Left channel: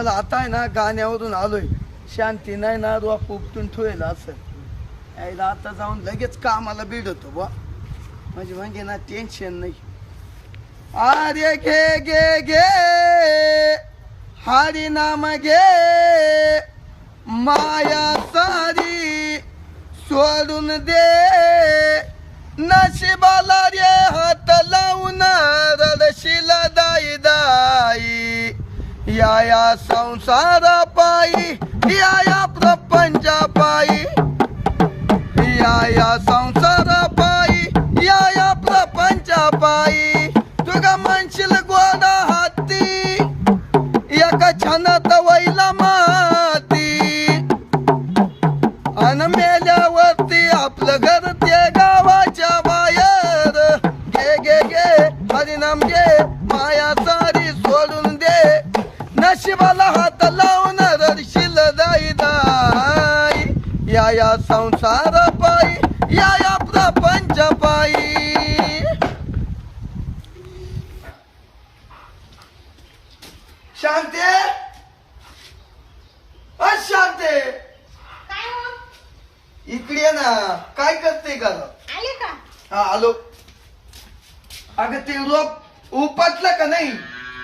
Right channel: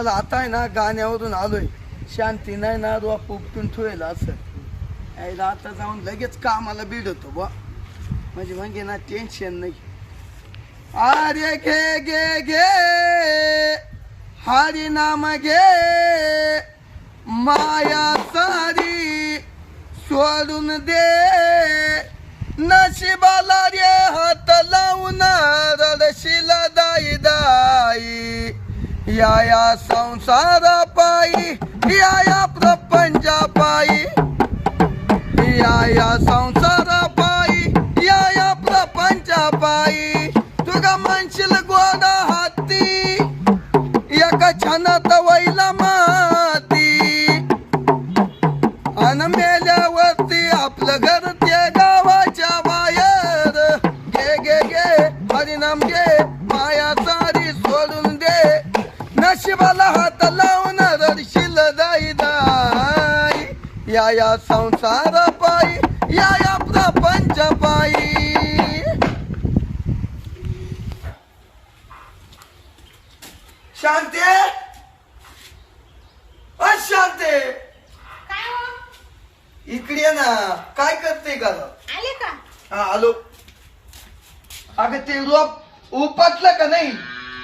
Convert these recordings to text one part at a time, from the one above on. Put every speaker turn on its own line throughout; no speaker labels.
चला आता आहे ना गाण्यावरून आलोय शांती नाही ना रोप उपटून ठेवेल असं यायला आता जाऊन लगेच कामाला बिडतो बा म्हणजे म्हणजे ना टेन्शन नाही. अरे घे घे घे हरी नाम घे माया सारी सोडून दे नशिबाला रे हात लावून रडशील दाई दाई या संसारा पायी या प्रपंचा पायी या संसारा पायी या प्रपंचा पायी तुगा म्हणशील गोडा हाती एका छानात वैला माती अन मेल्यावरती आपलं घर ते गावाच्या बाहेर घे घे घे हरिनाम घे माया सारी सोडून दे नशिबाला हात लावून रडशील दाई दाई या संसार पायी या प्रपंच पायी. शांती अशांती
काय हो?
इकडे ये ना काय करते का
आले का?
हा आलो. अगं ते रोप उपटलं का नाही?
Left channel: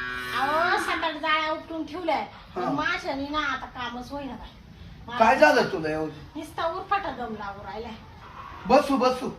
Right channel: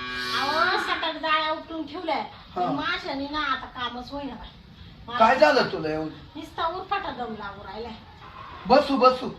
अहो सकाळ जाळ्या उपटून ठेवलाय
हा.
माशाने ना आता कामच होईना बाई.
काय झालं तुला एवढं?
नुसता उरफाटा दम लागू राहिलाय.
बसू बसू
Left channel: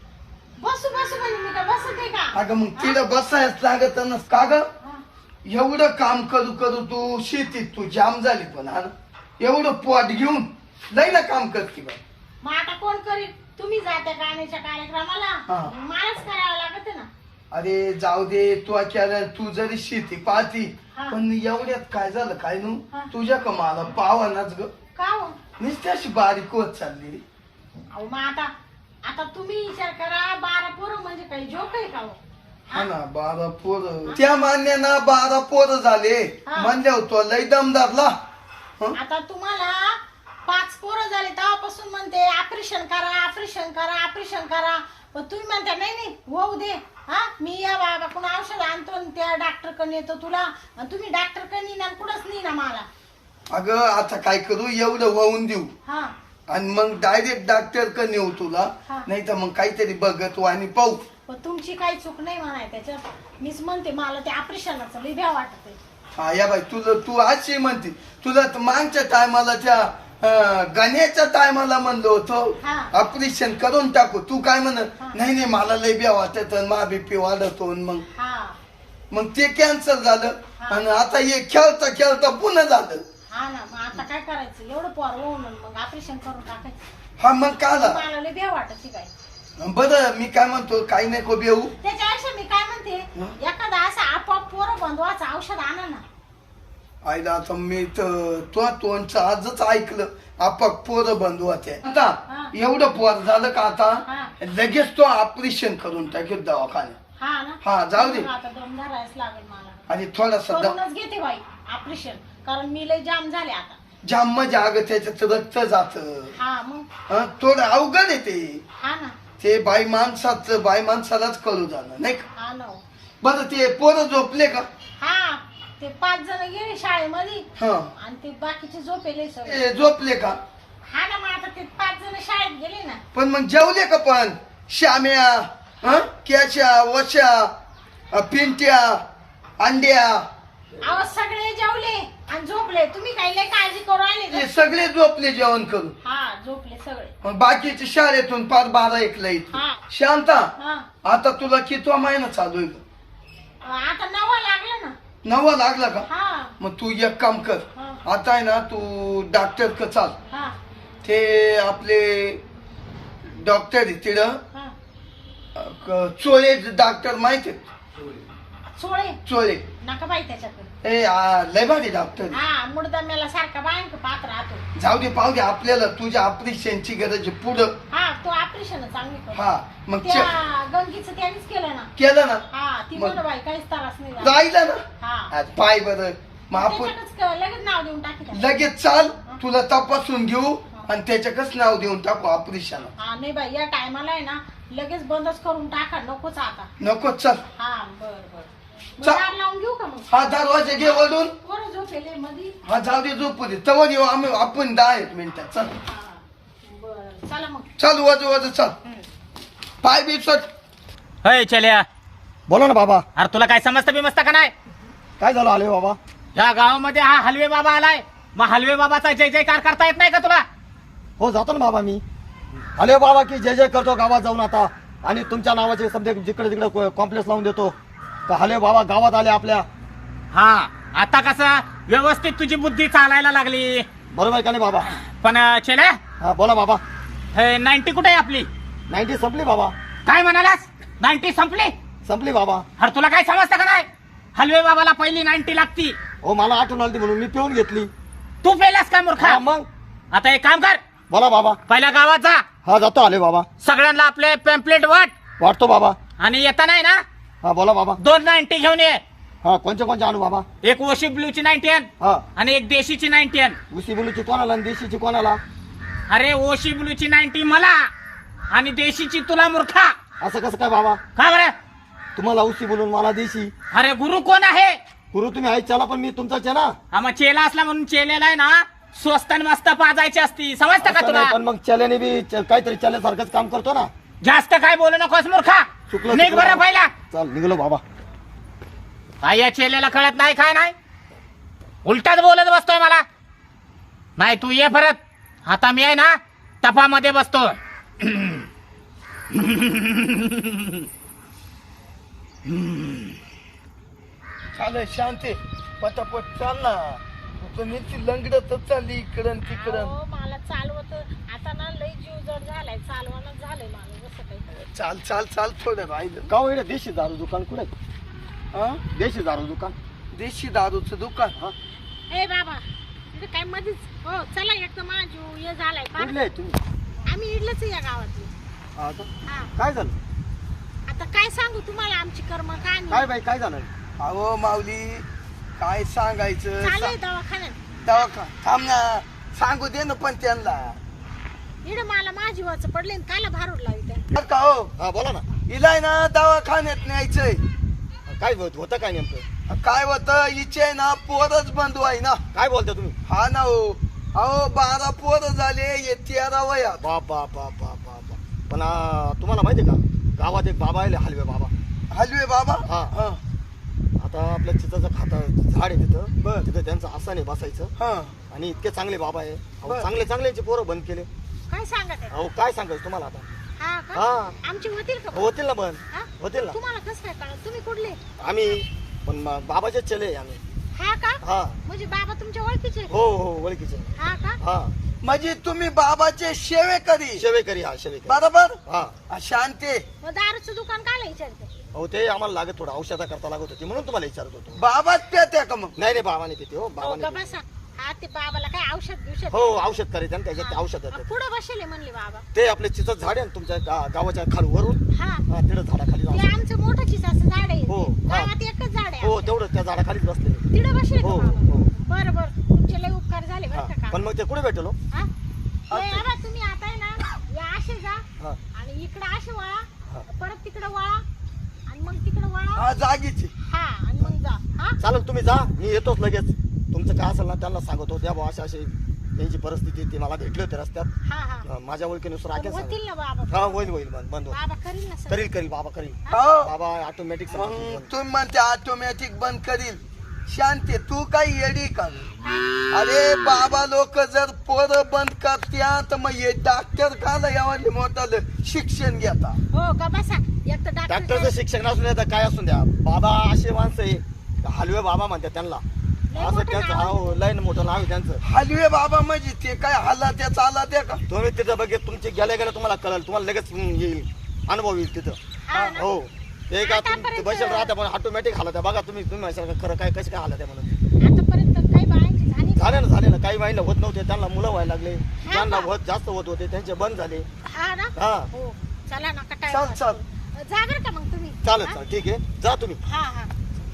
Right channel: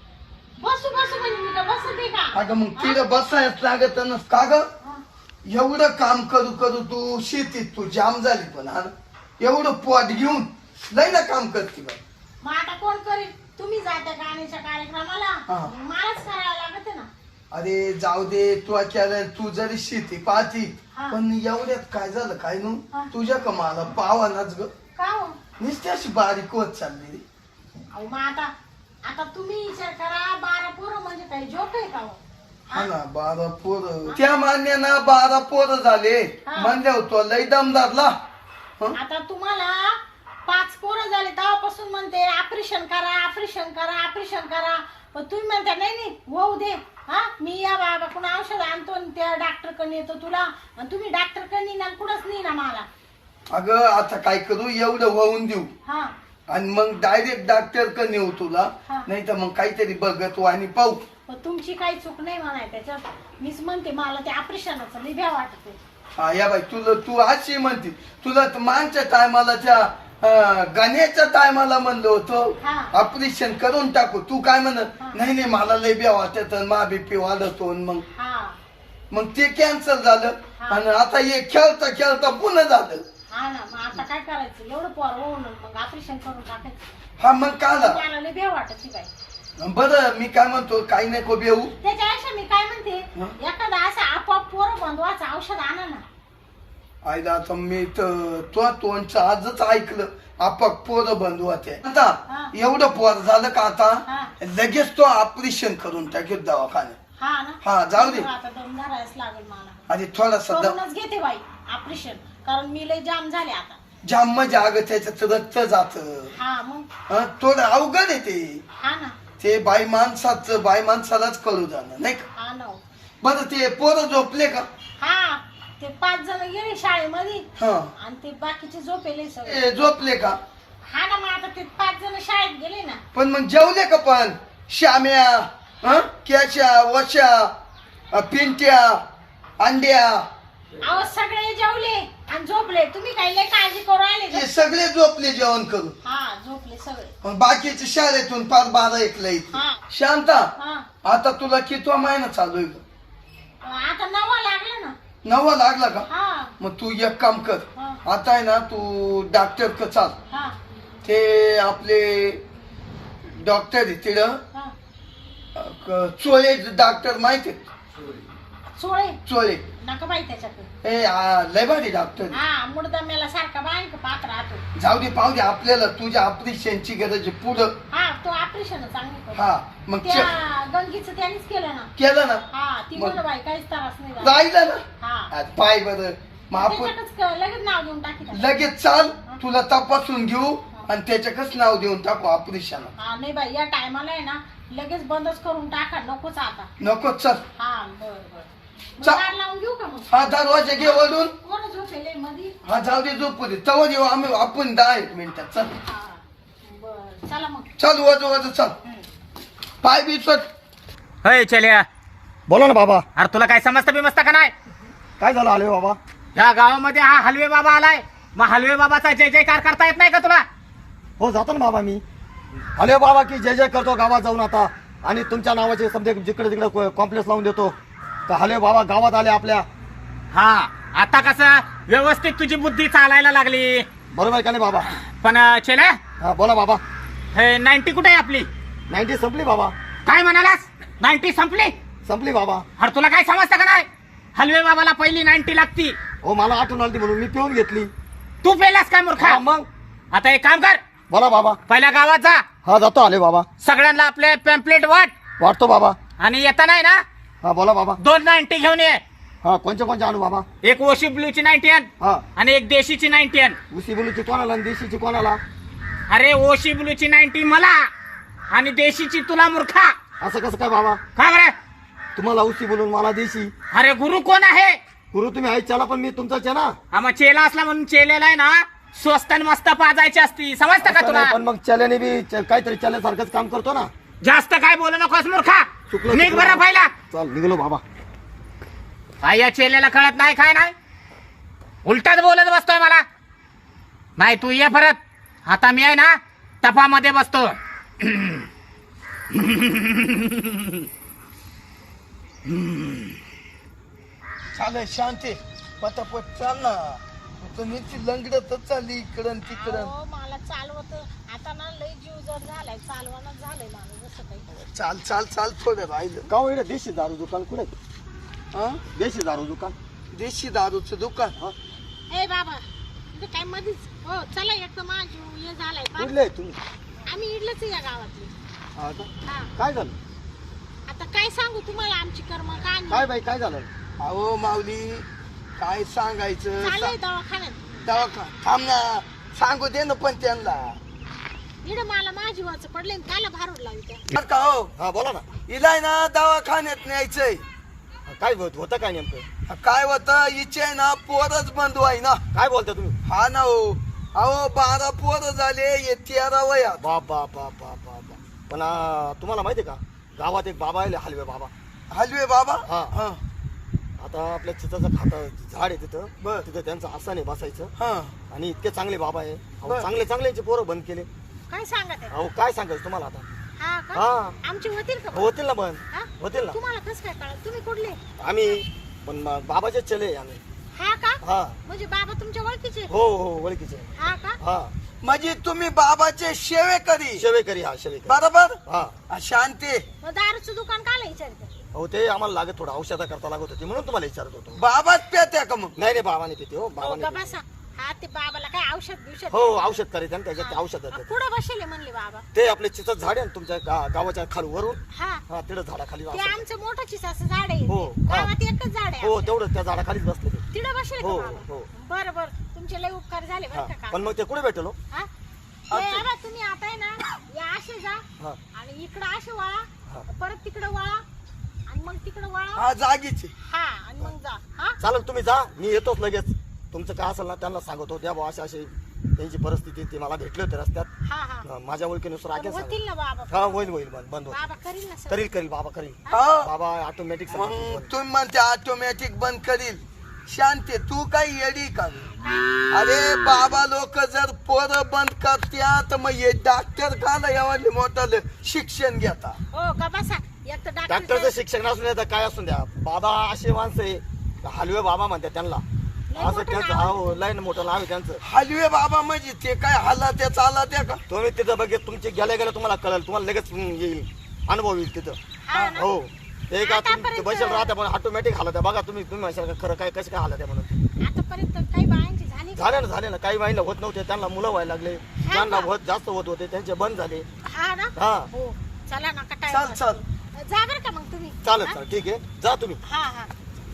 बसू बसू म्हणजे मी काय बसते का?
अगं मग तिला बसायच लागत ना का ग
हा.
एवढं काम करू करू तू शेतीत तू जाम झाली पण हा ना? एवढं पोट घेऊन लई ना काम करते बा.
मग आता कोण करील? तुम्ही जाते गाण्याच्या कार्यक्रमाला
हा.
मलाच करावं लागत ना.
अरे जाऊ दे तू केलं तू जरी शेती पाहती
हा.
पण एवढ्यात काय झालं काय नू
हा.
तुझ्या कमाला पावानाच ग
का हो?
नुसती अशी बारीक होत चालली.
अहो मग आता तुम्ही विचार करा 12 पोरं म्हणजे काही जोक आहे का हो?
हा ना 12 पोरं त्या मान्य ना 12 पोरं झाले
हा.
म्हणले होतो लई दमदारला.
आता तुम्हाला 5 पोरं झाले तेव्हापासून म्हणते ऑपरेशन करा ऑपरेशन करा ऑपरेशन करा पण तुम्ही म्हणता नाही नाही होऊ दे. हा मी या बाबाकडून औषध आणतो आणि त्या डॉक्टर कडे येतो तुला आणि तुम्ही डॉक्टर कडे ना कुठंच नाही ना मला.
अगं आता काय करू एवढं वाहून देऊ
हा
आणि मग डायरेक्ट डॉक्टर कडे नेऊ तुला
हा.
नाही तर मग काहीतरी बघत आणि पाहू.
पण तुमची काही चूक नाही म्हणाय त्याच्यात मीच म्हणते मला ते ऑपरेशनाचं लई भ्या वाटते.
हा या बाई तुला तू अशी म्हणते तुला तर मागच्या टायमाला त्या गण्याच्या टायमाला म्हणलो होतो
हा.
ऑपरेशन करून टाकू तू काय म्हण
हा.
नाही नाही मला लय ब्या वाटत मा बीपी वाढतो मग
हा
मग ते कॅन्सल झालं
हा.
आणि आता हे खेळता खेळता पुन्हा झालं.
हा ना मग आता काय करायचं एवढं पोर होऊन मग ऑपरेशन करून टाकायचं.
हा मग काला
मला लई भ्या वाटत बाई.
बरं मी काय म्हणतो काही नाही को बेऊ
त्याच्यापेक्षा मी काय म्हणते एखादा असं आपोआप पोरं बंधवाचं औषध आणा ना.
आईला आता मी तर तो तोंडचं आजच ऐकलं आपाक पोरं बंधू होते
हा.
आता एवढं पोर झालं का
हा.
आता लगेच तो ऑपरेशन करून टाकेल दवाखान्यात.
हा ना
हा, जाऊ दे.
आता दम धरायच लागेल मला.
आणि थोडासा
करूनच घेते बाई ऑपरेशन कारण मी लय जाम झाले आता.
जाम म्हणजे अगं त्याच्यात रक्त जात
हा मग
थोडं अवघड आहे ते.
हा ना
ते बाई माणसालाच कळू जाणं नाही का.
हा ना
बरं ते पोरं झोपले का.
हा ते 5 जण गेले शाळेमध्ये
हा
आणि ते बाकीचे झोपेले सगळे.
ते झोपले का.
हा ना मग आता ते 5 जण शाळेत गेले ना.
पण मग जेवले का पण श्याम्या क्याच्या वशा पिंट्या अंड्या
अहो सगळे जेवले आणि झोपले. तुम्ही काही लय काळजी करू आले
ते
का?
सगळे झोपले जेवण करून.
हा झोपले सगळे.
मग बाकीचे शाळेतून पाच 12-1 ला येते.
हा.
शांता
हा
आता तुला कितवा महिना चालू आहे का.
आता 9 लागला ना.
9 लागला का.
हा
मग तू एक काम कर
हा.
आता आहे ना तू डॉक्टर क चाल.
हा
ते आपले डॉक्टर आहे तिथं
हा
चोळे डॉक्टर माहिती आहेत?
सोळे
चोळे
नका बाई त्याच्याकडे.
लय भारी डॉक्टर आहे.
हा मुडदम्याला सारखा बायक पात्र राहतो.
जाऊ दे पाहू दे आपल्याला तुझ्या ऑपरेशनची गरज आहे पुढं.
हा तो ऑपरेशन चांगली करतो.
हा मग
त्या गंगीचं त्यानेच केलं ना.
केलं ना
हा ती
मग-
म्हण बाई काहीच त्रास नाही झाला.
राहिलं ना.
हा
पाय बरं मग आपण
त्याच्यातच लगेच नाव देऊन टाकी त्याला.
लगेच चाल तुला तपासून घेऊ आणि त्याच्याकच नाव देऊन टाकू ऑपरेशन.
हा नाही बाई या टायमाला आहे ना लगेच बंदच करून टाका नकोच आता.
नको चल.
हा बर बर मग
चा-
दार लावून घेऊ का मग
हा दरवाजा घे वळून.
कोण झोपेले मधी
हा जाऊ दे झोपू दे तवर येऊ आम्ही आपण 10 मिनिटात चल.
हा बर चला मग
चल वज चल. पाय बी सोड.
होय चल्या
बोलो ना बाबा.
अरे तुला काय समजतं बिमस्त का नाही?
काय झालं आले बाबा?
या गावामध्ये हा हलवे बाबा आलाय, मग हलवे बाबाचा जय जयकार करता येत नाही का तुला?
हो जातो ना बाबा मी. आले बाबा की जय जय करतो गावात जाऊन आता, आणि तुमच्या नावाचे समजे जिकडे तिकडे कॉम्प्लेक्स लावून देतो. तर हले बाबा गावात आले आपल्या.
हा आता कसं व्यवस्थित तुझी बुद्धी चालायला लागली.
बरोबर का नाही बाबा?
पण चल्या
हा बोला बाबा.
हे 90 कुठे आहे आपली?
90 संपली बाबा.
काय म्हणालास? 90 संपली?
संपली बाबा.
अरे तुला काय समजतं का नाही? हलवे बाबाला पहिली 90 लागती.
हो मला आठवण आली म्हणून मी पिऊन घेतली.
तू पेलास काय मूर्खा?
हा, मग
आता एक काम कर,
बोला बाबा.
पहिल्या गावात जा,
हा जातो आले बाबा.
सगळ्यांना आपले पॅम्पलेट वाट,
वाटतो बाबा.
आणि येता नाही ना
हा बोला बाबा.
2 90 घेऊन ये.
हा कोणचे आणू बाबा?
एक ओशी ब्लूची 90 आण
हा
आणि एक देशीची 90 आण.
उसी बोलूची कोणाला आणि देशीची कोणाला?
अरे ओशी ब्लूची 90 मला आणि देशीची तुला मूर्खा.
असं कसं काय बाबा?
का बरं?
तुम्हाला उसी बोलून मला देशी?
अरे गुरु कोण आहे?
गुरु तुम्ही आई चला, पण मी तुमचाच आहे ना.
हा मग चेला असला म्हणून चेलेला आहे ना स्वस्त आणि मस्त पाजायची असती, समजतं का
असं
तुला?
नाही, पण मग चल्याने बी काहीतरी चल्यासारखंच काम करतो ना.
जास्त काय बोलू नकोस मूर्खा.
चुकलं
निघ बरं पहिला.
चल निघलो बाबा.
काय या चेलेला कळत नाही काय नाही, उलटाच बोलत बसतोय मला. नाही तू ये परत, आता मी आहे ना तपामध्ये बसतो.
चाल शांती पटापट चाल ना. तुम्ही ती लंगडतच चालली इकडं तिकडं.
अहो, मला चालवत आता ना लई जीव जड झालाय, चालवानच झालंय मला जसं काही.
चाल चाल चाल थोडं राहिलं.
गाव इकडे देशी दारू दुकान कुठे?
हा
देशी दारू दुकान.
देशी दारूचं दुकान. हा
ए बाबा इथे काय मधीच हो चला एक तर माझा जीव हे झालाय फार.
कुठले आहे तुम्ही?
आम्ही इडलंच या गावातली.
हा का?
हा
काय झालं?
आता काय सांगू तुम्हाला आमची कर्म
काय
कहाणी.
बाई काय झालं?
अहो माऊली काय सांगायचं.
चालू आहे दवाखान्यात.
दवाखा थांब ना, सांगू दे ना पण त्यांना.
इकडं मला माझी वाच पडले काला भारूड लावी त्या.
बरं का हो,
हा बोला ना.
हिलाय ना दवाखान्यात न्यायचंय.
काय होतं काय नेमकं?
काय होतं हिचे ना पोरच बंद व्हाय ना.
काय बोलता तुम्ही?
हा ना हो. अहो 12 पोरं झाले, हे 13 वयात.
बाप बाप बाप बाप बाप बाप. पण तुम्हाला माहितीये का, गावात एक बाबा आले हलवे बाबा.
हलवे बाबा.
हा.
हा
आता आपल्या चिताचं झाड आहे तिथं.
बर.
तिथं त्यांचं आसन आहे बसायचं.
हा
आणि इतके चांगले बाबा आहे. अहो,
बर.
चांगले चांगल्याचे पोरं बंद केले.
काय सांगत आहे?
अहो काय सांगायचं तुम्हाला आता.
हा का
हा.
आमची होतील का?
होतील ना बंद.
हा?
होतील ना.
तुम्हाला कसं काय कळलं? तुम्ही कुठले?
आम्ही पण बाबाचे चले आहे आम्ही.
हा का
हा
म्हणजे बाबा तुमच्या ओळखीचे?
हो हो ओळखीचे.
हा का
हा
म्हणजे तुम्ही बाबाचे सेवेकरी.
शेवेकरी. हा शेवेकरी.
बरोबर.
हा
शांती.
मग दारूचं दुकान काला विचारते?
हो ते आम्हाला लागत थोडं औषधा करता लागत होती म्हणून तुम्हाला विचारत होतो.
बाबाच पेत्या का मग?
नाही रे बाबाने पिते. हो
हो
बाबाने
का
पिते.
बसा. हा ते बाबाला काय औषध बिवषध?
हो औषध करायचं आणि त्याच्यात ते औषध देतात.
पुढे बसले म्हणले बाबा.
ते आपले चिचत झाड आहे ना तुमच्या गावाच्या खाली वरून.
हा
हा तिथं झाडाखाली
ते
जाऊ.
आमचं मोठं चिसाचं झाड आहे.
हो, हा.
गावात एकच झाड आहे.
हो तेवढं त्या झाडाखालीच बसलेले.
तिकडे बसले का
हो,
बाबा?
हो.
बरं बरं तुमचे लय उपकार झाले
हा.
बरं का.
पण मग ते कुठे भेटलो?
हा? हे बाबा तुम्ही आता आहे ना या असे जा
हा
आणि इकडं असे वळा,
हा.
परत तिकडे वळा आणि मग तिकडे वळा.
हा जागीचे.
हा आणि मग जा. हा
चालेल तुम्ही जा, मी येतोच लगेच. तुमचं काय असेल ना त्यांना सांगतो. द्या भाऊ अशी त्यांची परिस्थिती ती मला भेटली होती रस्त्यात.
हा हा
माझ्या ओळखीनुसार
पण
राखेल
होतील
सांग.
ना बाबा?
हा होईल होईल बंद होईल.
बाबा करील ना सर.
करील बाबा करील.
हो.
बाबा ऑटोमॅटिक
मग तुम्ही म्हणते ऑटोमॅटिक बंद करील. शांती तू काही येडी का? अरे बाबा लोक जर पोरं बंद करत्या तर मग हे डॉक्टर काला यावाले मोठं शिक्षण घेता.
हो का बसा. एक तर
डॉक्टरचं
डॉक्टर
शिक्षण असून द्या काय असून द्या. बाबा असे माणसं आहे हलवे बाबा म्हणतात त्यांना.
लय
असं
मोठं
त्यांचं
नाव.
हो लय मोठं नाव आहे त्यांचं.
हलवे बाबा म्हणजे ते काय हालात्या चालात्या का?
तुम्ही तिथं बघित तुमचे गेल्या गेल्या तुम्हाला कळेल. तुम्हाला लगेच येईल अनुभव येईल तिथं.
हा ना.
हो ते का तुम्ही
आतापर्यंत-
बसेल राहता पण ऑटोमॅटिक हालत आहे. बघा तुम्ही म्हणशाल का खरं काय कसे काय हालत आहे म्हणून.
आतापर्यंत काही बायांची झाली का?
झाले ना काही महिला होत नव्हते त्यांना मुलं व्हायला लागले. ज्यांना
का?
जास्त होत होते त्यांचे बंद झाले.
हा ना.
हा
हो चला ना का
चल चल.
जा बरं का मग तुम्ही.
चालेल
हा?
चालेल ठीक आहे जा तुम्ही.
हा हा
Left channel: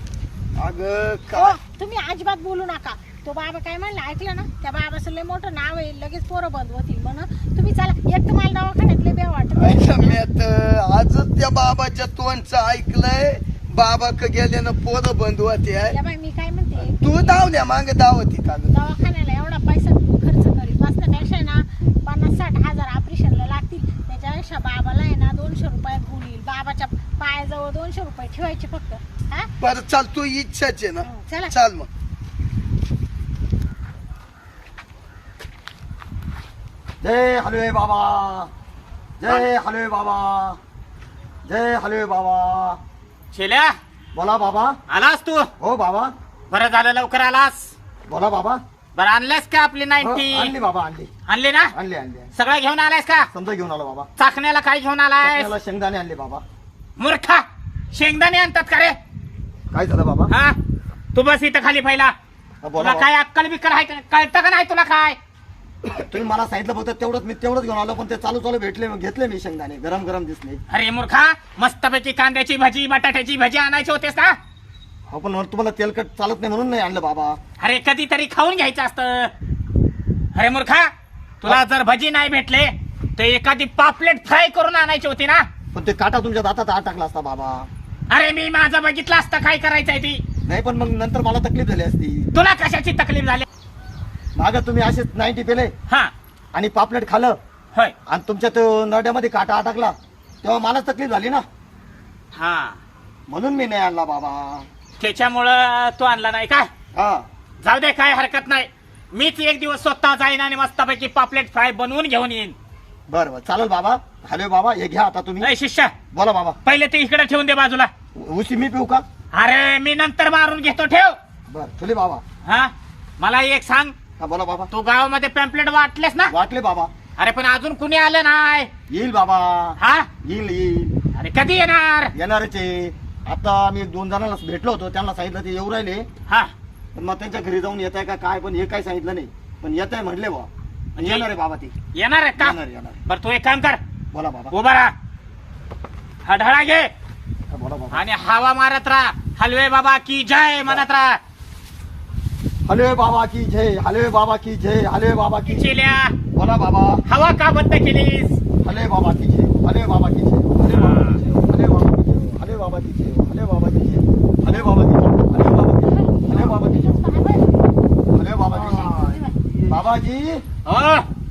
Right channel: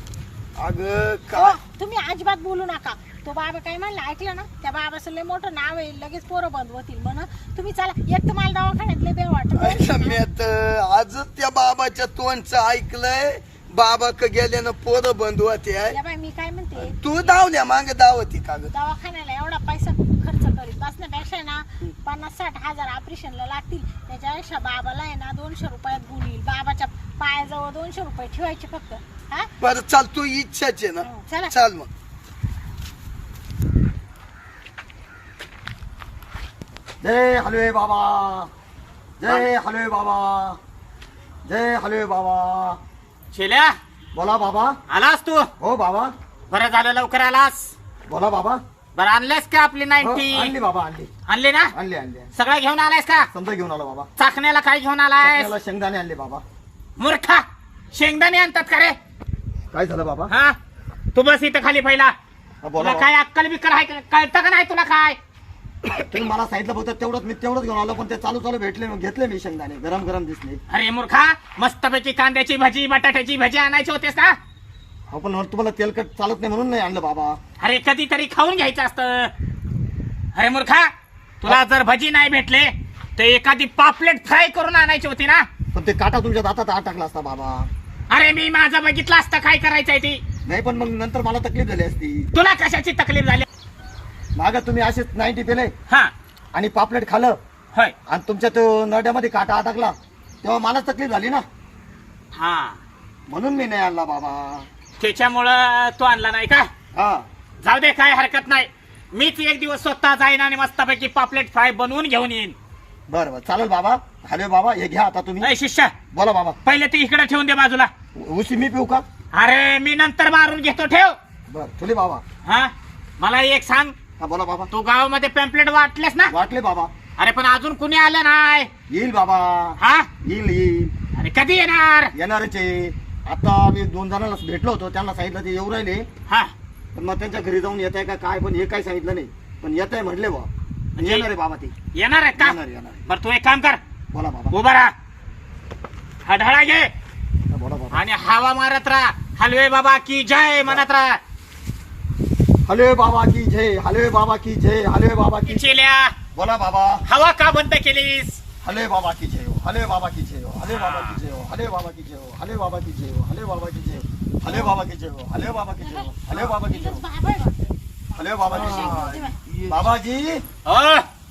अग
हो
काय
तुम्ही अजिबात बोलू नका. तो बाबा काय म्हणला ऐकलं ना? त्या बाबाचं लय मोठं नाव आहे, लगेच पोरं बंद होतील म्हण. तुम्ही चला. एक तर मला दवाखान्यात लय बेव वाटत.
आजच त्या बाबाच्या तोंडचं ऐकलंय बाबा क गेले ना पोरं बंद होते आहे.
या बाई मी काय म्हणते,
तू धावल्या मागे धावती का ग?
दवाखान्याला एवढा पैसा खर्च करीत बसण्यापेक्षा ना 50-60 हजार ऑपरेशनला लागतील. त्याच्यापेक्षा बाबाला आहे ना 200 रुपयात गुण येईल. बाबाच्या पायाजवळ 200 रुपये ठेवायचे फक्त. हा
बरं चाल, तू इच्छाच आहे ना.
चला.
चाल मग.
जय हलवे बाबा, जय हलवे बाबा, जय हलवे बाबा.
शेल्या
बोला बाबा.
आलास तू?
हो बाबा.
बरं झालं लवकर आलास.
बोला बाबा.
बरं आणलेस का आपली
हो,
90?
आणली बाबा, आणली
आणली ना?
आणली आणली.
सगळं घेऊन आलायस का?
समजा घेऊन आलो बाबा.
चाकण्याला काय घेऊन आलायस?
त्याला शेंगदाणे आणले बाबा.
मूर्खा, शेंगदाणे आणतात का रे?
काय झालं बाबा?
हा, तू बस इथं खाली पहिला.
हा, बोला
तुला काय अक्कल बिक्कल आहे का? कळतं का नाही तुला काय?
बाबा. तुम्ही मला सांगितलं फक्त तेवढंच, मी तेवढंच घेऊन आलो. पण ते चालू चालू भेटले, घेतले मी शेंगदाणे. गरम गरम दिसले.
अरे मूर्खा, मस्तपैकी कांद्याची भजी बटाट्याची भजी आणायची होतेस का?
हो पण तुम्हाला तेलकट चालत नाही म्हणून नाही आणलं बाबा.
अरे कधीतरी खाऊन घ्यायचं असतं. अरे मूर्खा, तुला जर भजी नाही भेटले तर एखादी पापलेट फ्राय करून आणायची होती ना.
पण ते काटा तुमच्या दातात आत टाकला असता बाबा.
अरे मी माझं बघितलं असतं काय करायचंय ती.
नाही पण मग नंतर मला तकलीफ झाली असती.
तुला कशाची तकलीफ झाली?
मागं तुम्ही असेच 90 पेले
हा,
आणि पापलेट खाल्लं
होय,
आणि तुमच्या तो नरड्यामध्ये काटा अटकला, तेव्हा मला तकलीफ झाली ना.
हा,
म्हणून मी नाही आणला बाबा.
त्याच्यामुळं तू आणला नाही का?
हा
जाऊ दे, काय हरकत नाही. मीच एक दिवस स्वतः जाईन आणि मस्तपैकी पापलेट फ्राय बनवून घेऊन येईन.
बरं बरं चालेल बाबा. हॅलो बाबा, हे घ्या आता तुम्ही.
ए शिष्य,
बोला बाबा.
पहिले ते इकडे ठेवून दे बाजूला.
उशी मी पिऊ का?
अरे मी नंतर मारून घेतो, ठेव.
बरं ठेवले बाबा.
हा, मला एक सांग,
हा बोला बाबा.
तू गावामध्ये पॅम्पलेट वाटलेस ना?
वाटले बाबा.
अरे पण अजून कुणी आलं नाही.
येईल बाबा.
हा,
येईल येईल.
अरे कधी येणार?
येणारच आहे. आता मी 2 जणांना भेटलो होतो, त्यांना सांगितलं ते येऊ राहिले.
हा,
पण मग त्यांच्या घरी जाऊन येत आहे का काय, पण हे काय सांगितलं नाही. पण येत आहे म्हणले बा.
म्हणजे
येणार आहे बाबा ते.
येणार आहे का?
येणार येणार.
बरं तू एक काम कर,
बोला बाबा.
उभा राहा, हा ढळा घे
हा, बोला बाबा.
आणि हवा मारत राहा. हलवे बाबा की जय म्हणत राहा.
हलवे बाबा की जय, हलवे बाबा की जय, हलवे बाबा की जय.
चिल्या,
बोला बाबा.
हवा का बंद केलीस?
हलवे बाबा की जय, हलवे बाबा की जय, हलवे बाबा की जय, हलवे बाबा की जय, हलवे बाबा की जय, हलवे बाबा की जय, हलवे बाबा की जय, हलवे बाबा की जय, हलवे बाबा की जय. बाबाजी
हो,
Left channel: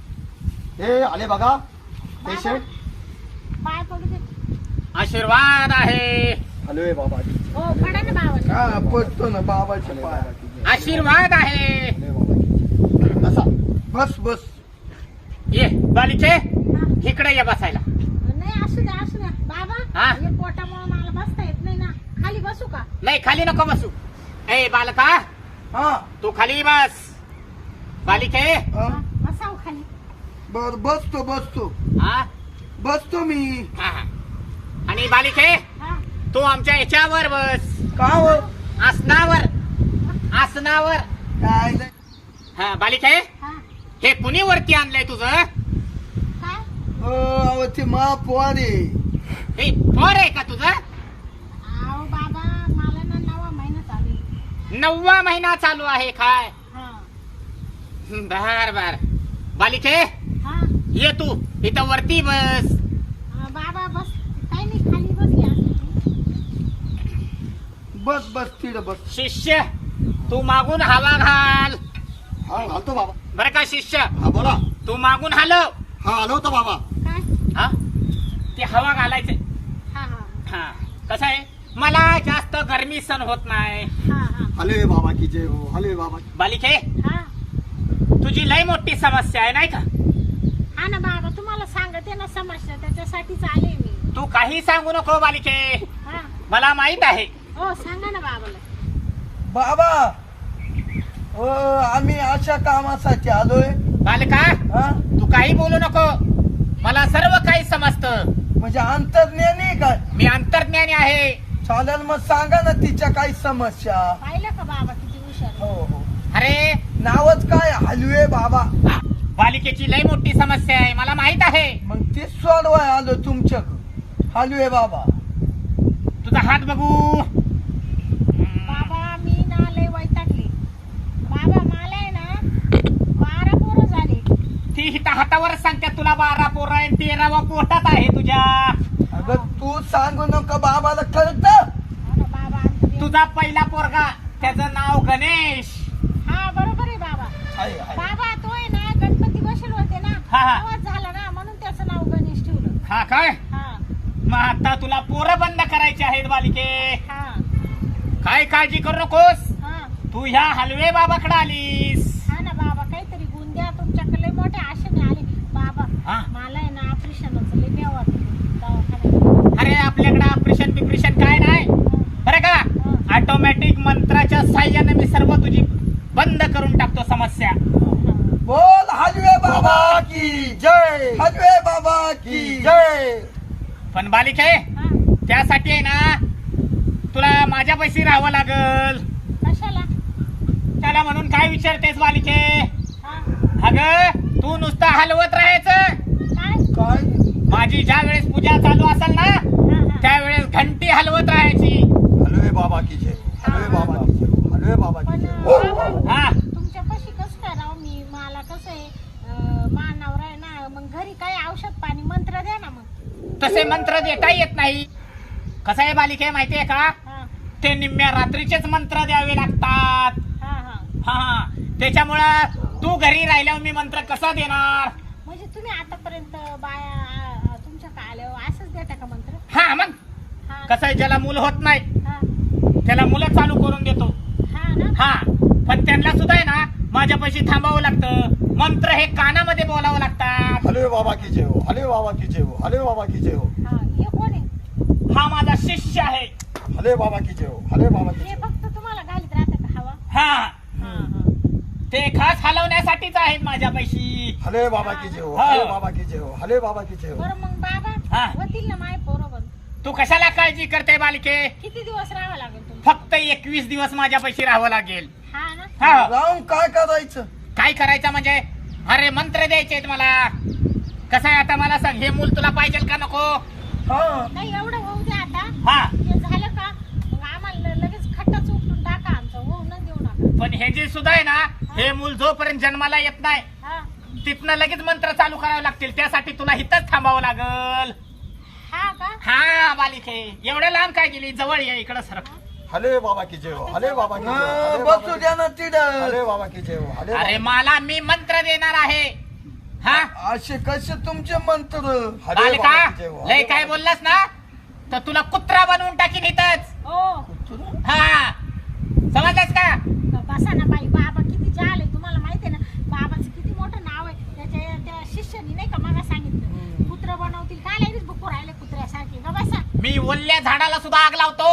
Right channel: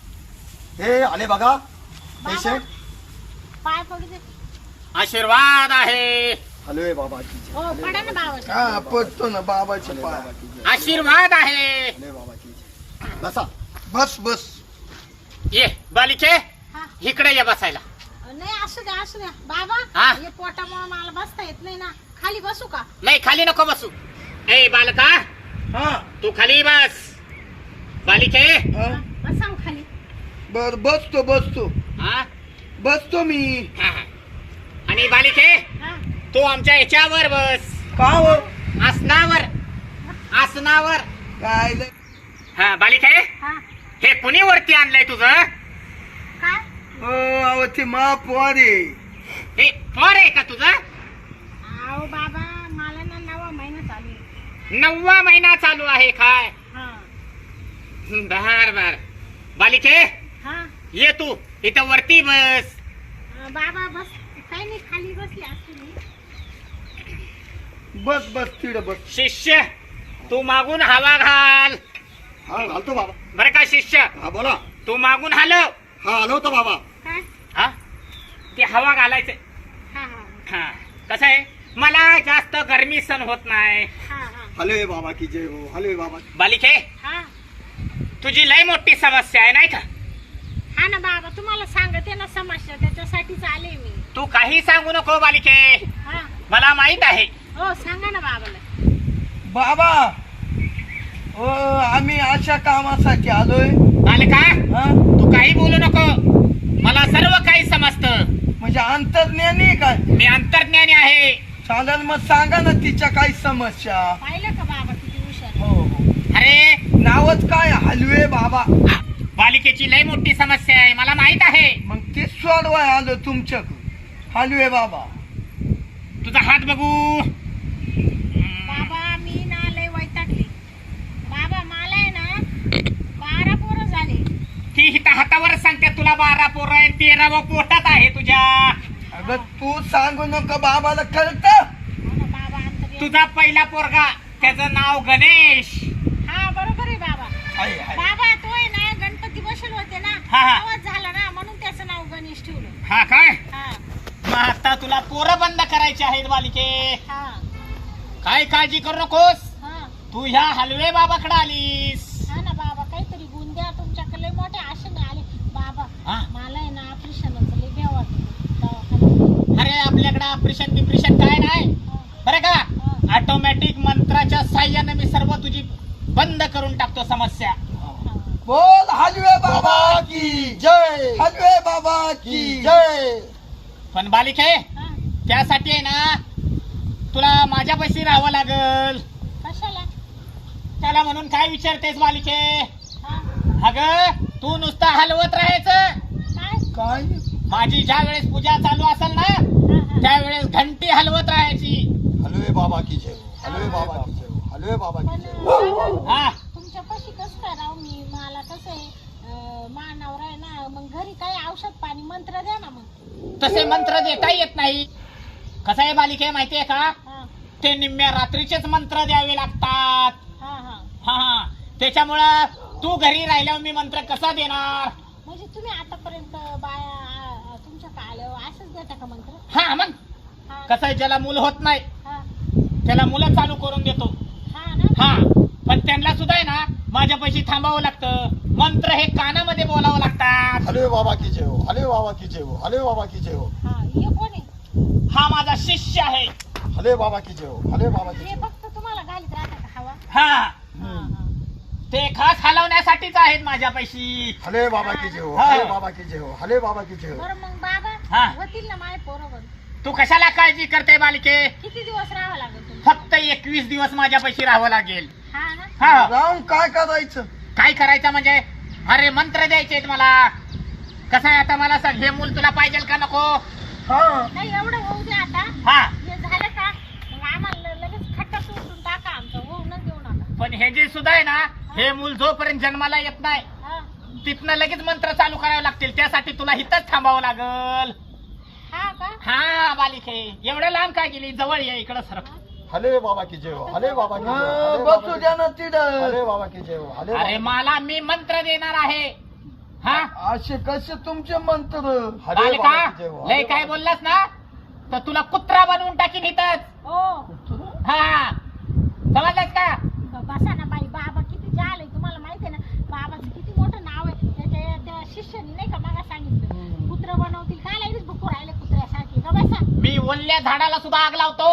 हे आले बघा पैसे.
पाय पडू दे.
आशीर्वाद आहे.
हलवे बाबा की जय,
हो पडा ना बाबा.
हा पडतो ना बाबाचे
हलवे
पाय.
बाबा की जय,
आशीर्वाद आहे.
हलवे बाबा की जय. बसा.
बस बस.
ये बालिके,
हा.
इकडे ये बसायला.
नाही असू द्या असू द्या बाबा.
हा?
हे पोटामुळे मला बसता येत नाही ना. खाली बसू का?
नाही खाली नको बसू. ए बालका,
हा
तू खाली बस. बालिके,
हा.
बसाव खाली.
बर बसतो बसतो
हा,
बसतो मी.
हा. आणि बालिके,
हा
तू आमच्या याच्यावर बस.
का हो?
आसनावर, आसनावर.
काय लय?
हा बालिके,
हा
हे कुणी वरती आणलंय तुझं?
काय?
हो अहो ते महापौर
हे पोर आहे का तुझं?
अहो बाबा मला ना 9वा महिना चालू आहे.
9वा महिना चालू आहे काय?
हा
बर बर. बालिके,
हा
ये तू इथं वरती बस.
बाबा बस. काही नाही खाली बसली असते.
बस बस तिकडे बस.
शिष्य, तू मागून हवा घाल.
हा घालतो बाबा.
बरं का शिष्य,
हा बोला.
तू मागून हलव.
हा आलो होतो बाबा.
काय?
हा, ते हवा घालायचे.
हा हा
हा, कसं आहे, मला जास्त गरमी सण होत नाही.
हा हा
हलवे बाबा की जय हो, हलवे बाबा.
बालिके,
हा
तुझी लय मोठी समस्या आहे नाही का?
हा ना बाबा, तुम्हाला सांगते ना समस्या, त्याच्यासाठीच आले मी.
तू काही सांगू नको बालिके,
हा
मला माहित आहे.
हो सांगा ना बाबाला.
बाबा हो आम्ही अशा कामासाठी आलोय.
बालिका,
हा
तू काही बोलू नको, मला सर्व काही समजतं.
म्हणजे अंतर्ज्ञानी आहे काय?
मी अंतर्ज्ञानी आहे.
चालेल मग सांगा ना तिच्या काही समस्या.
पाहिलं का बाबा किती हुशार?
हो हो.
अरे
नावच काय? हलवे बाबा.
बालिकेची लय मोठी समस्या आहे, मला माहित आहे.
मग ते सोडवाय आलो तुमच्याकडे. हलवे बाबा
तुझा हात बघू.
बाबा मी ना लय वैतागले. बाबा मला आहे ना 12 पोरं झाले.
ती हिता हातावर सांगते तुला 12 पोरं आहे, 13वा पोटात आहे तुझ्या.
अगं तू सांगू नको बाबाला कळत.
हो ना
तुझा पहिला पोरगा त्याचं नाव गणेश.
हा बरोबर आहे बाबा.
आहे आहे
बाबा तो आहे ना गणपती बसले होते ना
हा, हा.
आवाज झाला ना म्हणून त्याचं नाव गणेश ठेवलं.
हा काय?
हा
मग आता तुला पोरं बंद करायची आहेत बालिके.
हा
काय काळजी करू नकोस.
हा
तू ह्या हलवे बाबाकडे आलीस.
हा ना बाबा काहीतरी गुण द्या तुमच्याकडे लय मोठे आशेने आले बाबा.
हा.
मला आहे ना ऑपरेशनचं लय भ्या वाटत दवाखान्यात.
अरे आपल्याकडे ऑपरेशन बिपरेशन काय नाही बरं का. ऑटोमॅटिक मंत्राच्या साह्याने मी सर्व तुझी बंद करून टाकतो समस्या.
बोल हलवे बाबा
बाबा की जय
हलवे बाबा की
की जय.
पण बालिके
हा
त्यासाठी आहे ना तुला माझ्या पैसे राहावं लागल.
कशाला?
त्याला म्हणून काय विचारतेस बालिके.
हा
अगं तू नुसतं हलवत राहायचं.
काय?
काय
माझी ज्या वेळेस पूजा चालू असेल ना
हा हा
त्यावेळेस घंटी हलवत राहायची.
हलवे बाबा की जय हलवे बाबा की जय हलवे बाबा
पण
की जय.
बाबा
हा
तुमच्या पाशी कसं काय राव मी मला कसं आहे मानावर आहे ना मग घरी काय औषध पाणी मंत्र द्या ना मग.
तसे मंत्र देता येत नाही. कसं आहे बालिके माहितीये का
हा
ते निम्म्या रात्रीचेच मंत्र द्यावे लागतात.
हा हा
हा त्याच्यामुळं तू घरी राहिल्यावर मी मंत्र कसा देणार.
म्हणजे तुम्ही आतापर्यंत बाया तुमच्या आल्यावर असंच देता का मंत्र?
हा मग
हा
कसं आहे ज्याला मुलं होत नाही
हा
त्याला मुलं चालू करून देतो.
हा ना
हा पण त्यांना सुद्धा आहे ना माझ्या पैसे थांबावं लागतं. मंत्र हे कानामध्ये बोलावं लागतात.
हलवे बाबा की जय हो हलवे बाबा की जय हो हलवे बाबा की जय हो
हा हे कोण आहे?
हा माझा शिष्य आहे.
हलवे बाबा की जय हो हलवे बाबा की
हे
जय हो.
फक्त तुम्हाला घालीत राहता का हवा?
हा
हा हा
ते खास हलवण्यासाठीच आहेत माझ्या पैशी.
हलवे बाबा की जय हो
हा.
हलवे बाबा की जय हो हलवे बाबा की जय हो.
बरं मग बाबा
हा.
होतील ना माय पोरं.
तू कशाला काळजी करते बालिके.
किती दिवस राहावं लागेल तुम्हाला?
फक्त 21 दिवस माझ्या पैशी राहावं लागेल.
हा ना
हा
राहून काय करायचं?
काय करायचं म्हणजे अरे मंत्र द्यायचे मला. कसं आहे आता मला सांग हे मूल तुला पाहिजे का नको.
हा
नाही एवढं होऊ द्या आता.
हा
हे झालं का मग आम्हाला लगेच खट्टा उठून टाका आमचं होऊनच देऊ नका.
पण हे जे सुद्धा आहे ना हे मूल जोपर्यंत जन्माला येत नाही
हा
तिथनं लगेच मंत्र चालू करावे लागतील. त्यासाठी तुला इथंच थांबावं लागल.
हा का?
हा बालिके एवढ्या लांब काय गेली जवळ ये इकडं सर.
हलवे बाबा की जय हो हलवे बाबा की जय हो हलवे
बसू
बाबा
द्या
की-
ना तिथं.
हलवे बाबा की जय हो हलवे
अरे
बाबा-
मला मी मंत्र देणार आहे. हा
असे कसे तुमचे मंत्र?
हलवे
बालिका
बाबा की जय हो
लय
हलवे
काय
बाबा-
बोललास ना तर तुला कुत्रा बनवून टाकीन इथंच.
ओ
हा समजलंस का.
बसा ना बाई. बाबा किती जाल आहे तुम्हाला माहिती आहे ना. बाबाचं किती मोठं नाव आहे. त्याच्या त्या शिष्यानी नाही का मला सांगितलं कुत्र बनवतील काय लगेच भुकू राहिले कुत्र्यासारखे का बसा.
मी ओल्या झाडाला सुद्धा आग लावतो.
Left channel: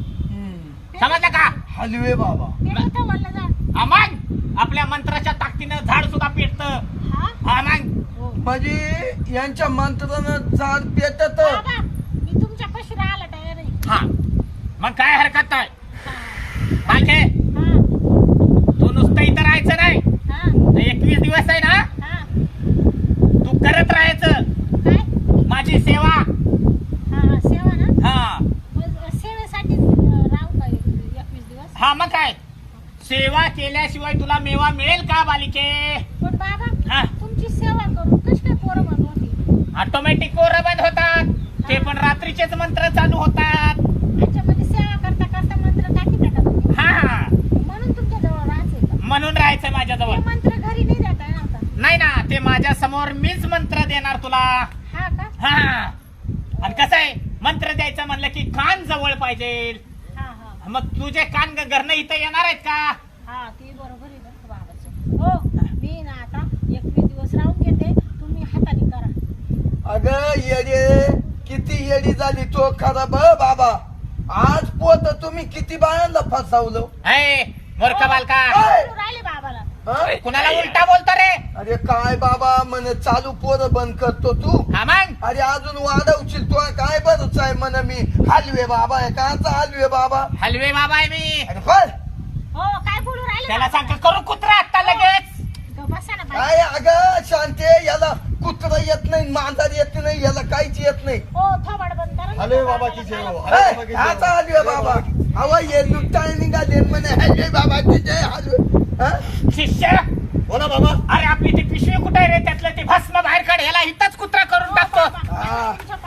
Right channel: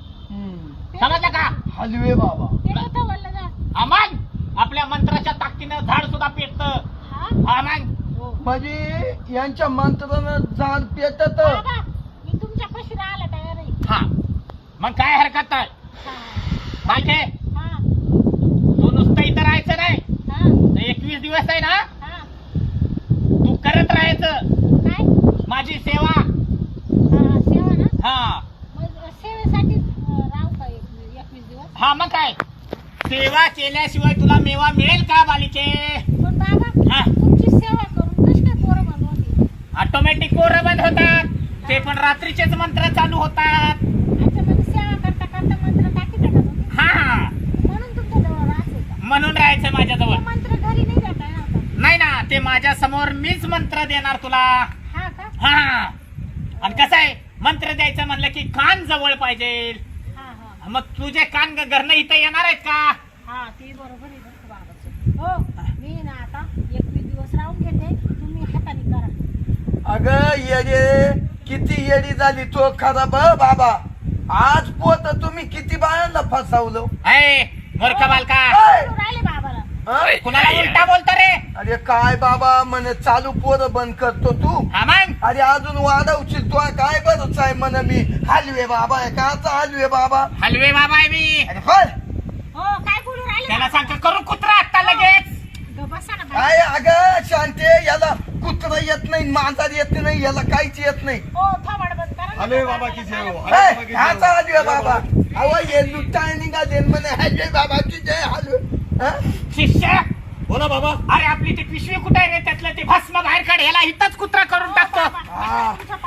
समजलं का.
हलवे बाबा
ते नव्हतं बोललं जा.
मग आपल्या मंत्राच्या ताकदीनं झाड सुद्धा पेटत.
हा
हा मग
हो
म्हणजे यांच्या मंत्रानं झाड पेटत.
बाबा मी तुमच्या पाशी राहायला तयार आहे.
हा मग काय हरकत नाही.
हा
बालके
हा
तू नुसतं इथं राहायचं नाही.
हा
तर 21 दिवस आहे ना
हा
तू करत राहायचं
काय?
माझी सेवा.
हा सेवा ना.
हा
मग सेवेसाठी राहू का 21 दिवस?
हा मग काय सेवा केल्याशिवाय तुला मेवा मिळेल का बालिके.
पण बाबा
हा
तुमची सेवा करून कशी काय पोरं बनवतील?
ऑटोमॅटिक कोरं बंद होतात. ते पण रात्रीचेच मंत्र चालू होतात.
त्याच्यामध्ये सेवा करता करता मंत्र टाकीत का तुम्ही?
हा
म्हणून तुमच्या जवळ राहायचं का?
म्हणून राहायचं माझ्याजवळ.
ते मंत्र घरी नाही देता येणार का?
नाही ना ते माझ्या समोर मीच मंत्र देणार तुला.
हा का?
हा आणि कसं आहे मंत्र द्यायचं म्हणलं की कान जवळ पाहिजे.
हा हा
मग तुझे कान घरनं इथं येणार आहेत का.
हा ते बरोबर आहे बरं का बाबाचं. हो मी ना आता 21 दिवस राहून घेते. तुम्ही हाताने करा.
अगं येडे किती येडी झाली तो खराब बाबा. आज पोत तुम्ही किती बायांना फसवलं.
ए मूर्ख बालका
बोलू राहिले बाबाला.
हं?
कुणाला उलटा बोलतो रे.
अरे काय बाबा म्हणे चालू पोरं बंद करतो तू.
हा मग
अरे अजून वाढवशील तू काय बरंच आहे म्हण मी हलवे बाबा आहे काचा हलवे बाबा.
हलवे बाबा आहे मी.
अरे फळ
हो काय बोलू राहिले
त्याला
बाबा?
सांग करू कुत्रा आता लगेच.
गं बसा ना बाई.
काय अगं शांते याला कुत्र येत नाही मांजर येत नाही याला काहीच येत नाही.
हो थोबाड बंद करा ना.
हलवे बाबा की जय हो हलवे बाबा की जय हो.
ह्याचा हलवे बाबा. अहो हे लुटाय निघाले म्हणे हलवे बाबा की जय हलवे. हं?
शिष्य
बोला बाबा
अरे आपली ती पिशवी कुठे रे त्यातलं ते भस्म बाहेर काढ. याला इथंच कुत्रा करून
हो,
टाकतो.
बाबा.
हा.
तुमच्या पाया पडतो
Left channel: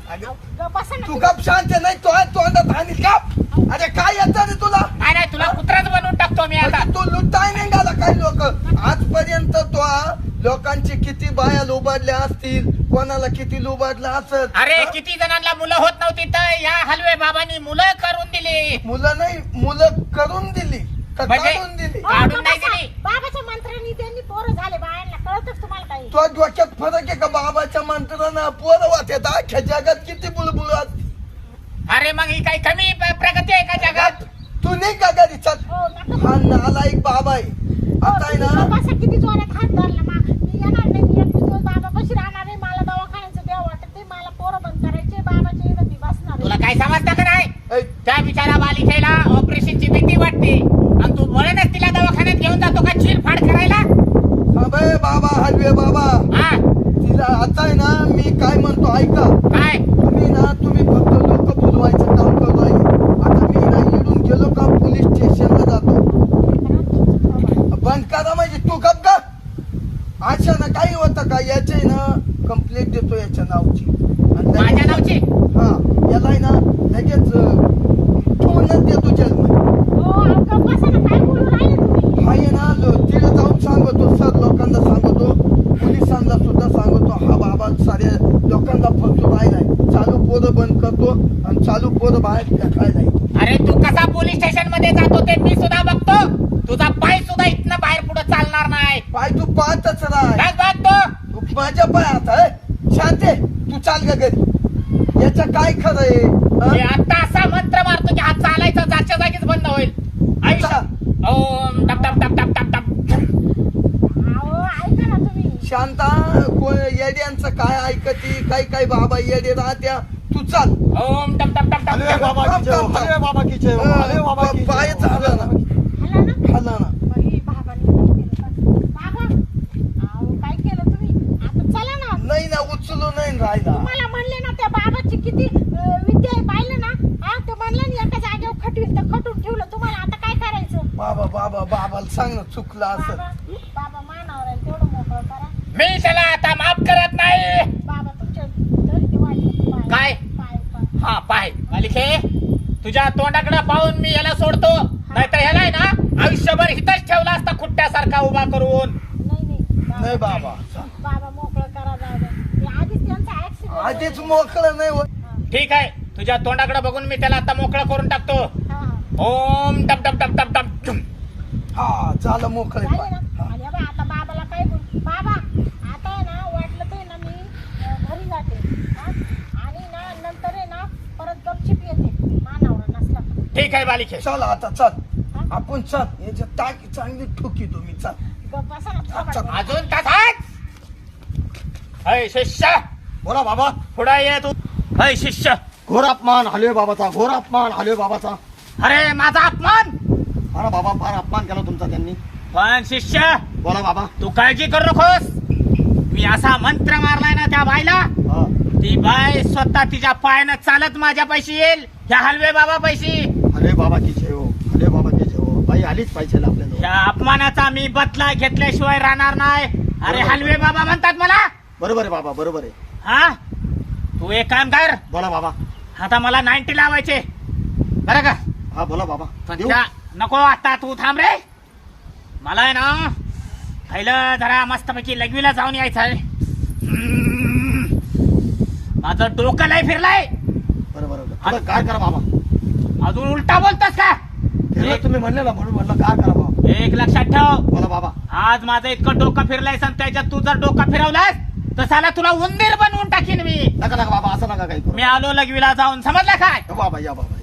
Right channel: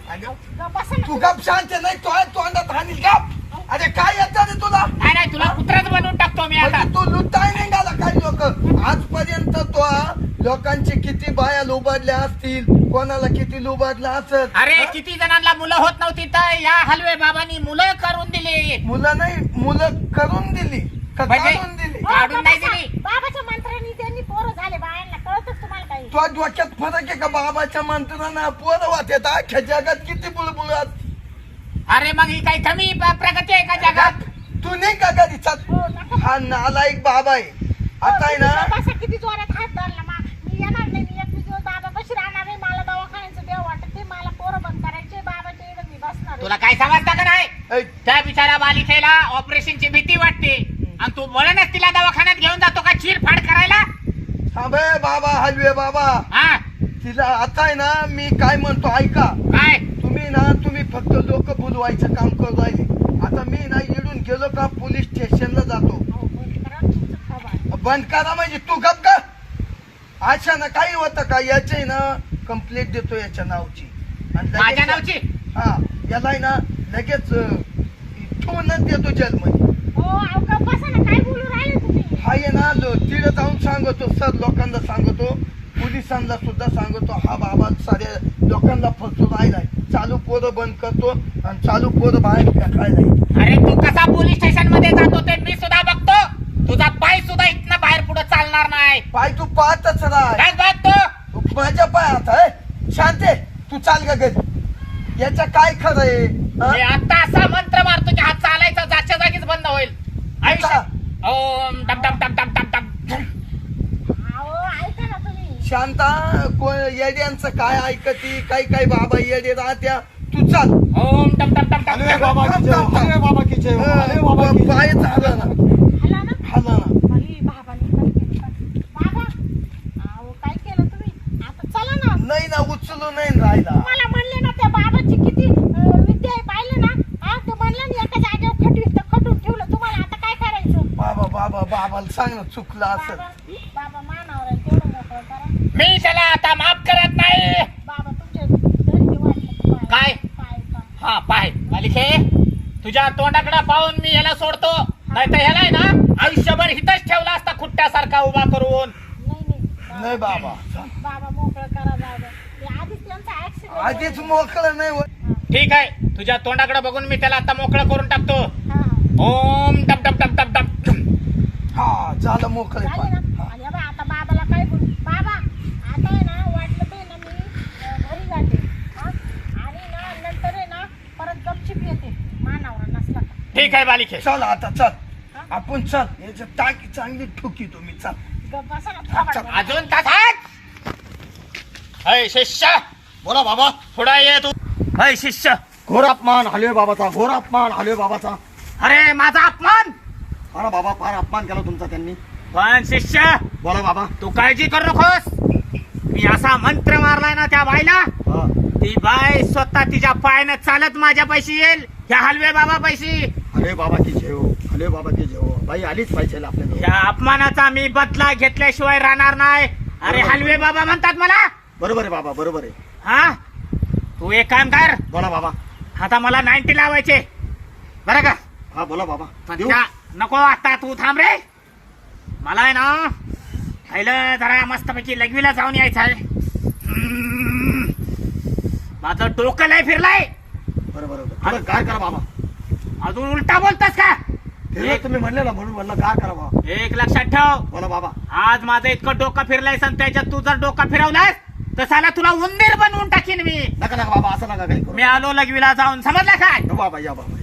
अगं,
गप्प बसा ना.
तू गप शांत नाही तो तोंडात आणि गप. अरे काय येतं रे तुला?
नाही नाही तुला कुत्राच बनवून टाकतो मी आता.
म्हणजे तू लुटाय निघाला काही लोक आजपर्यंत तो लोकांची किती बाया लुबाडल्या असतील, कोणाला किती लुबाडलं असत.
अरे किती जणांना मुलं होत नव्हती तर या हलवे बाबांनी मुलं करून दिली.
मुलं नाही, मुलं करून दिली का
म्हणजे?
काढून दिली?
हो,
काढून
गप्प
नाही
बसा.
दिली.
बाबाच्या मंत्रांनी त्यांनी पोरं झाले बायांना, कळतच तुम्हाला काही?
तो डोक्यात फरक आहे का? बाबाच्या मंत्रानं पोरं वाटत अख्ख्या जगात किती बुलबुल.
अरे मग ही काही कमी प्रगती आहे का जगात?
तू नाही का घरी चल.
हो, नका.
हा नालायक बाबा आहे. आता आहे
तुम्ही
ना
गप्प बसा, किती जोरात हात धरला. मी येणार नाही, मी 21 दिवस बाबापाशी राहणार आहे. मला दवाखान्याचं देव वाटत ते, मला पोरं बंद करायचे, बाबाच्या इकडे मी बसणार
तुला
आहे.
काय समजतं का नाही?
ऐ,
त्या बिचारा बालिकेला ऑपरेशनची भीती वाटते आणि तू बोलणच तिला दवाखान्यात घेऊन जातो का चिरफाड करायला?
थांबे बाबा, हलवे बाबा.
हा
तिला आता आहे ना मी काय म्हणतो ऐका.
काय
तुम्ही फक्त लोक बुलवायचं काम करत आहे. आता मी ना इडून गेलो का पोलीस स्टेशनला जातो. बंद करा म्हणजे तू गप का? अशा ना काही होतं का? याचे ना कंप्लेंट देतो याच्या नावची आणि लगेच-
माझ्या नावची?
हा याला आहे ना लगेच ठेवूनच देतो जेलमध्ये.
हो, अहो, गप्प बसा ना, काय बोलू राहिले तुम्ही?
हा ये ना तिथे जाऊन सांगतो, सर लोकांना सांगतो, पोलिसांना सुद्धा सांगतो हा बाबा साऱ्या लोकांना फसतो राहिलाय. चालू पोरं बंद करतो आणि चालू पोरं बाहेर फेकायला.
अरे तू कसा पोलीस स्टेशन मध्ये जातो ते मी सुद्धा बघतो. तुझा पाय सुद्धा इथनं बाहेर पुढे चालणार नाही.
पाय तू पाहतच राह.
काय बघतो?
तू माझ्या पायात आहे. शांत आहे. तू चाल का घरी. याचं काय खरं आहे?
मी
हा?
आता असा मंत्र मारतो की हा चालायचा जागच्या जागीच बंद होईल. आयुष्य ओम टप टप टप टप टप टप.
अहो, ऐका ना तुम्ही.
शांता येड्यांचं काय ऐकती? काही बाबा येडे राहत्या. तू चाल.
ओम टप टप टप
हलवे
टप.
बाबा की जय हो, हलवे बाबा की जय हो, हलवे बाबा की जय हो.
पाय झाला ना
हॅलो ना?
खाला ना.
बाई, बाबांनी काय केलं? बाबा, अहो, काय केलं तुम्ही? आता चला ना.
नाही ना उचलू नाही राहिला.
तुम्हाला म्हणले ना त्या बाबाची किती विद्या आहे, पाहिलं ना? हा, ते म्हणलं ना एका जागेवर खटून ठेवलं. तुम्हाला आता काय करायचं?
बाबाला सांग ना चुकलं असं.
बाबा मानावर आहे, तेवढं मोकळं करा.
मी त्याला आता माफ करत नाही.
बाबा तुमच्या दरिद्र वाटले
काय?
पाय.
हा पाय मालिके तुझ्या तोंडाकडे पाहून मी याला सोडतो. नाही तर ह्याला ना आयुष्यभर हितच ठेवला असता खुट्ट्यासारखा उभा करून.
नाही बाबा
बाबा मोकळं करा बाबा. ते आधीच त्यांचा ऍक्सिडेंट.
आधीच मोकळं नाही होत.
ठीक आहे तुझ्या तोंडाकडे बघून मी त्याला आता मोकळं करून टाकतो. ओम टप टप टप टप टप.
हा झालं मोकळे
झाले ना? आणि बाबा आता बाबाला काय बोल. बाबा आता आहे ना, वाटलं तर ना मी घरी जाते, हा? आणि ना नंतर आहे ना परत गपचिप येते मानावर नसला का.
ठीक आहे बालिके.
चल आता चल
हा?
आपण चल. याच्या टाकी चांगली ठुकी तुम्ही चल.
गप्प बसा ना,
अच्छा.
थोबाड बसा.
अजून तसाच. अय शिष्य
बोला बाबा.
पुढे ये तू. अय शिष्य.
घोर अपमान हलवे बाबाचा, घोर अपमान हलवे बाबाचा.
अरे माझा अपमान.
हा ना बाबा, फार अपमान केला तुमचा त्यांनी.
पण शिष्य
बोला बाबा.
तू काळजी करू नकोस. मी असा मंत्र मारलाय ना त्या बाईला,
हा.
ती बाय स्वतः तिच्या पायानं चालत माझ्या पैशी येईल. ह्या हलवे बाबा पैशी.
हलवे बाबा की जय हो, हलवे बाबा की जय हो. बाई आलीच पाहिजे आपल्याजवळ.
त्या अपमानाचा मी बदला घेतल्याशिवाय राहणार नाही. अरे हलवे बाबा म्हणतात मला.
बरोबर आहे बाबा, बरोबर आहे.
हा तू एक काम कर.
बोला बाबा.
आता मला 90 लावायचे बरं का?
हा बोला बाबा.
पण
देऊ?
त्या नको आता तू थांब रे. मला आहे ना पहिलं जरा मस्तपैकी लघवीला जाऊन यायचं आहे. माझं डोकं लय फिरलाय.
बरोबर थोडं काय करा बाबा.
अजून उलटा बोलतोस का?
फिरलं तुम्ही म्हणले ना, म्हणून म्हणलं काय करा बाबा.
एक लक्षात ठेव.
बोला बाबा.
आज माझं इतकं डोकं फिरलंय आणि त्याच्यात तू जर डोकं फिरवलास तर साला तुला उंदीर बनवून टाकीन मी.
नका नका बाबा, असं नका काही करू.
मी आलो लघवीला जाऊन, समजलं काय?
बाबा या बाबा.